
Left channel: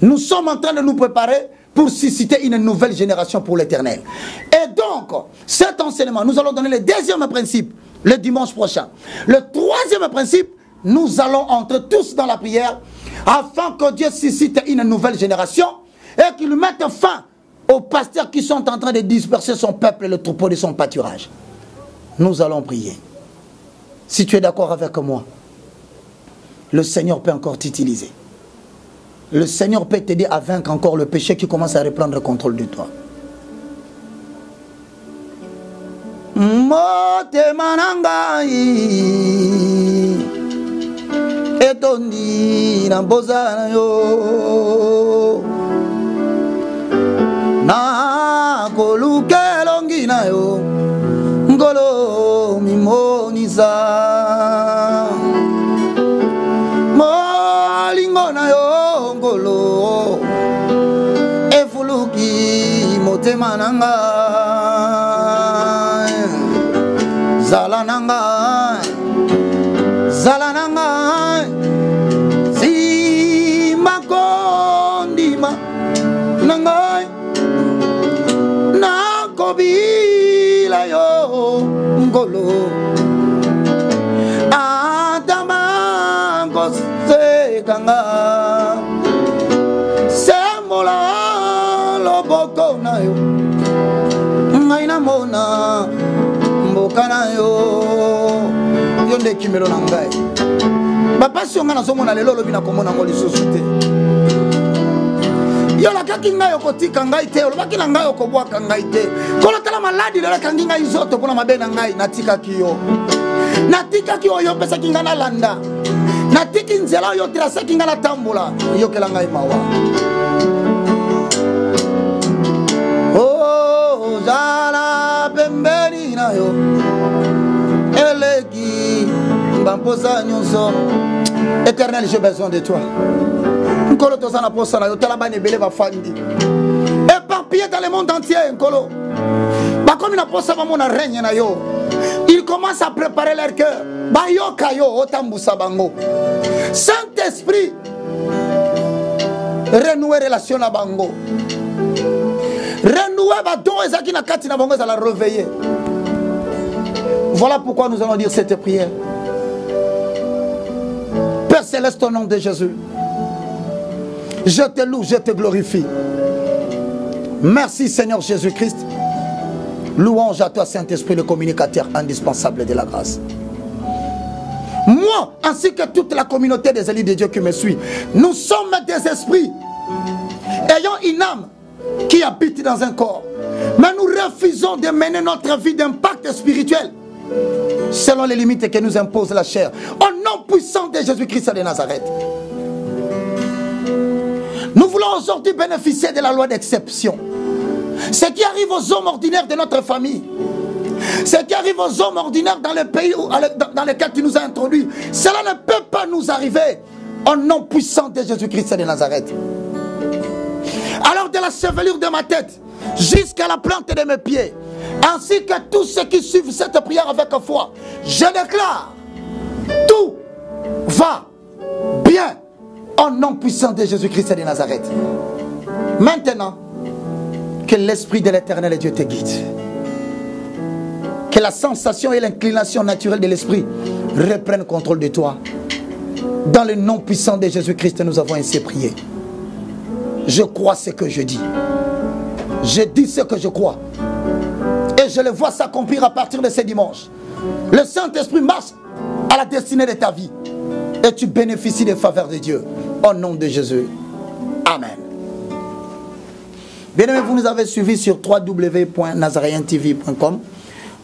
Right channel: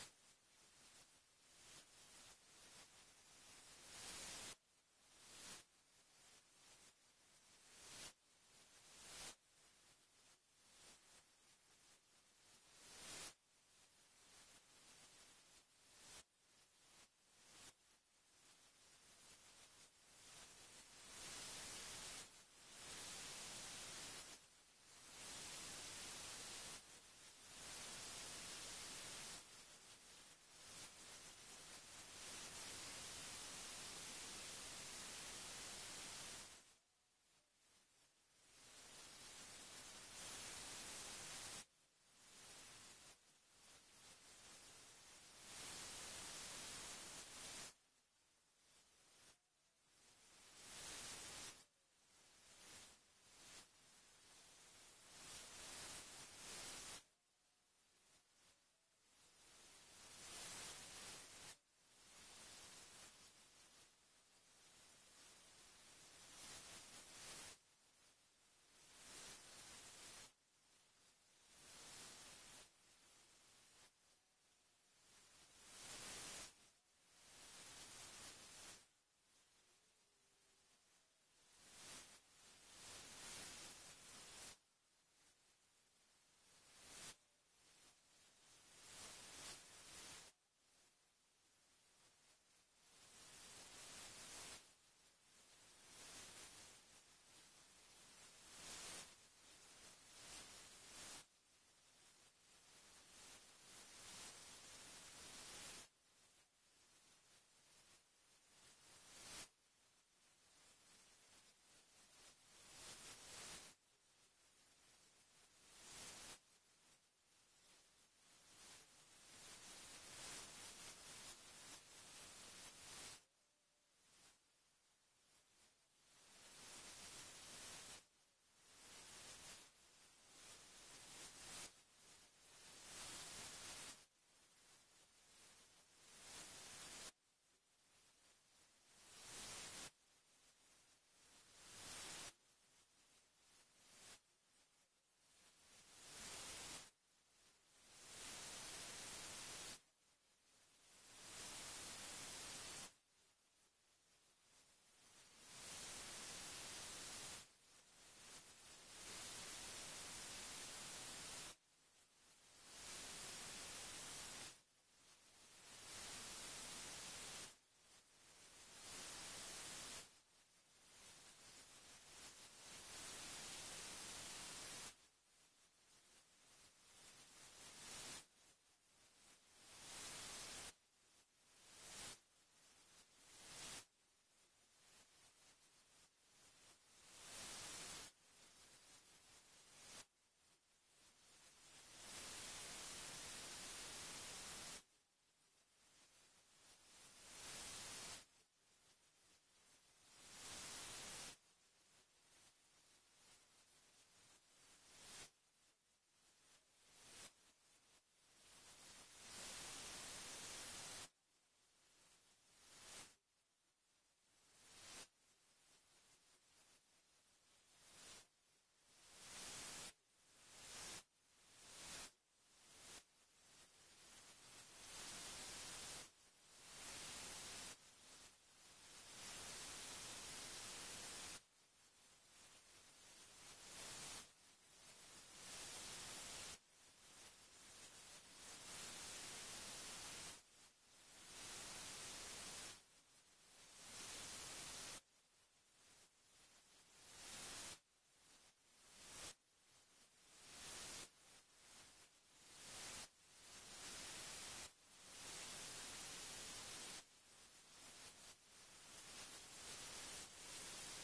nous sommes en train de nous préparer pour susciter une nouvelle génération pour l'Éternel. Et donc, cet enseignement, nous allons donner le deuxième principe le dimanche prochain. Le troisième principe, nous allons entrer tous dans la prière afin que Dieu suscite une nouvelle génération et qu'il mette fin aux pasteurs qui sont en train de disperser son peuple et le troupeau de son pâturage. Nous allons prier. Si tu es d'accord avec moi, le Seigneur peut encore t'utiliser. Le Seigneur peut t'aider à vaincre encore le péché qui commence à reprendre le contrôle de toi. Motema nangai etondi na mbozana yo na kolukelongi na yo ngolo mimoniza molingo na yo ngolo efuluki motema nanga Zalananga, Zalananga, Zimakondima, Nangai, Nakobila yo, Ngolo, Atamango Sekanga, Semola Loboko na yo, Ngaina Mona. Kana yo yonde kimelo na ngai papa si onga na somo na lelo lobi na komona ngoli sosute yo la kaki ngai okotika ngai te olobaki na ngai okobwaka ngai te kola tala maladi lelo kangi ngai zoto pona mabe na ngai natika kiyo yo pesa kinga na landa natiki nzela yo trasa kinga na tambola yo kela ngai mawa oh zala pembeni na yo Éternel, j'ai besoin de toi. Éparpillé dans le monde entier, ils commencent à préparer leur cœur. Saint-Esprit, renouer relation à Bango. Renouer Badon et Zaki Nakati na Bango, ça la réveiller. Voilà pourquoi nous allons dire cette prière. Père céleste, au nom de Jésus, je te loue, je te glorifie. Merci Seigneur Jésus-Christ. Louange à toi Saint-Esprit, le communicateur indispensable de la grâce. Moi, ainsi que toute la communauté des élus de Dieu qui me suit, nous sommes des esprits ayant une âme qui habite dans un corps. Mais nous refusons de mener notre vie d'impact spirituel selon les limites que nous impose la chair. Au nom puissant de Jésus-Christ de Nazareth. Nous voulons aujourd'hui bénéficier de la loi d'exception. Ce qui arrive aux hommes ordinaires de notre famille, ce qui arrive aux hommes ordinaires dans le pays dans lequel tu nous as introduits, cela ne peut pas nous arriver au nom puissant de Jésus-Christ de Nazareth. Alors de la chevelure de ma tête jusqu'à la plante de mes pieds, ainsi que tous ceux qui suivent cette prière avec foi, je déclare, tout va bien au nom puissant de Jésus-Christ de Nazareth. Maintenant, que l'Esprit de l'Éternel et Dieu te guide. Que la sensation et l'inclination naturelle de l'Esprit reprennent contrôle de toi. Dans le nom puissant de Jésus-Christ, nous avons ainsi prié. Je crois ce que je dis. Je dis ce que je crois. Et je le vois s'accomplir à partir de ce dimanche. Le Saint-Esprit marche à la destinée de ta vie. Et tu bénéficies des faveurs de Dieu. Au nom de Jésus. Amen. Bien aimés, vous nous avez suivis sur www.nazareentv.com.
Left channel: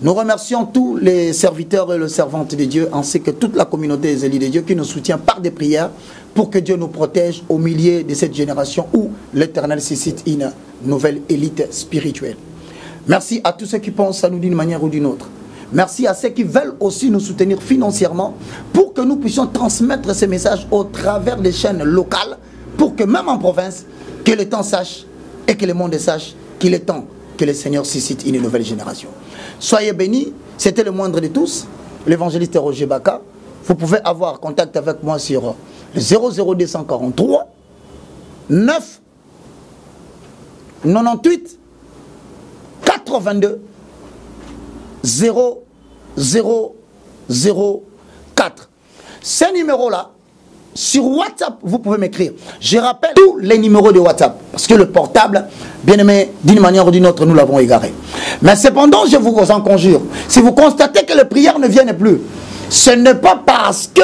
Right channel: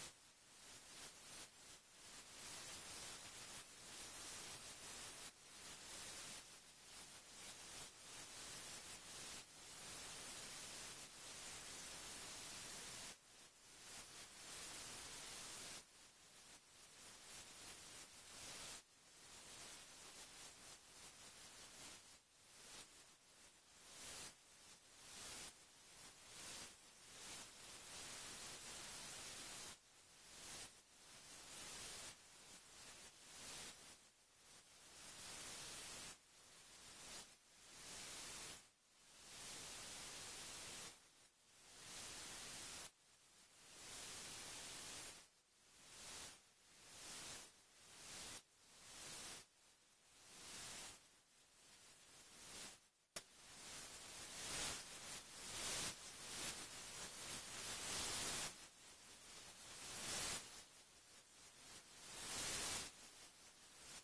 Nous remercions tous les serviteurs et les servantes de Dieu, ainsi que toute la communauté des élus de Dieu qui nous soutient par des prières pour que Dieu nous protège au milieu de cette génération où l'Éternel suscite une nouvelle élite spirituelle. Merci à tous ceux qui pensent à nous d'une manière ou d'une autre. Merci à ceux qui veulent aussi nous soutenir financièrement pour que nous puissions transmettre ces messages au travers des chaînes locales pour que même en province, que le temps sache et que le monde sache qu'il est temps que le Seigneur suscite une nouvelle génération. Soyez bénis, c'était le moindre de tous, l'évangéliste Roger Baka. Vous pouvez avoir contact avec moi sur le 00243 9 98 82 0004. Ces numéros-là, sur WhatsApp, vous pouvez m'écrire. Je rappelle tous les numéros de WhatsApp. Parce que le portable, bien aimé, d'une manière ou d'une autre, nous l'avons égaré. Mais cependant, je vous en conjure, si vous constatez que les prières ne viennent plus, ce n'est pas parce que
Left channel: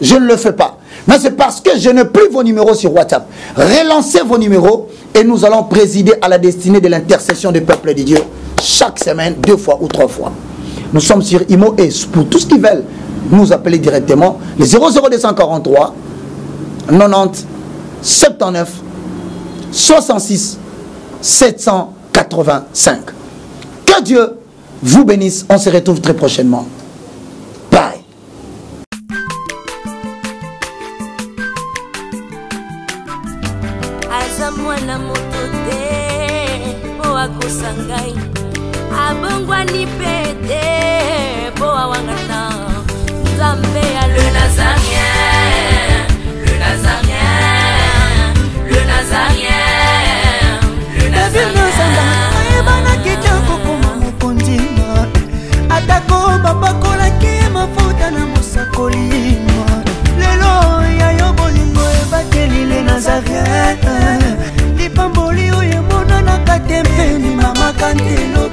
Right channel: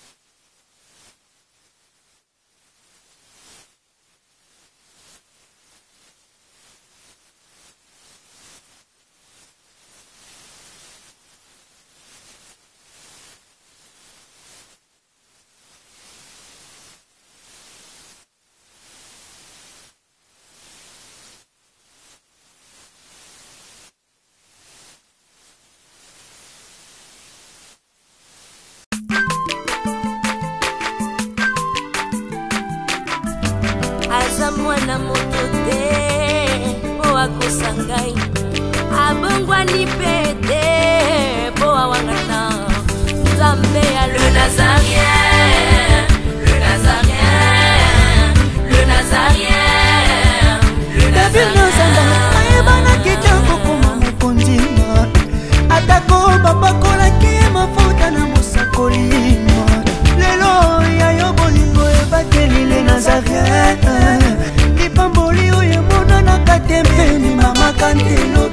je ne le fais pas, mais c'est parce que je n'ai plus vos numéros sur WhatsApp. Relancez vos numéros et nous allons présider à la destinée de l'intercession du peuple de Dieu chaque semaine, 2 fois ou 3 fois. Nous sommes sur IMO et pour tous qui veulent nous appeler directement, les 00243 90 79 66 785. Que Dieu vous bénisse. On se retrouve très prochainement. Bye. Azamwana motote po akosangai abongwani pete po awangana Nzambe ya le Nazarien, le Nazarien, le Nazarien. David Nozamba ayebana kitoko koma mukondima atako babakolaki mafuta na mosakolima lelo yayo bolingo ebateli le Nazarien lipamboli oyo emonanaka tempeni mama kantelo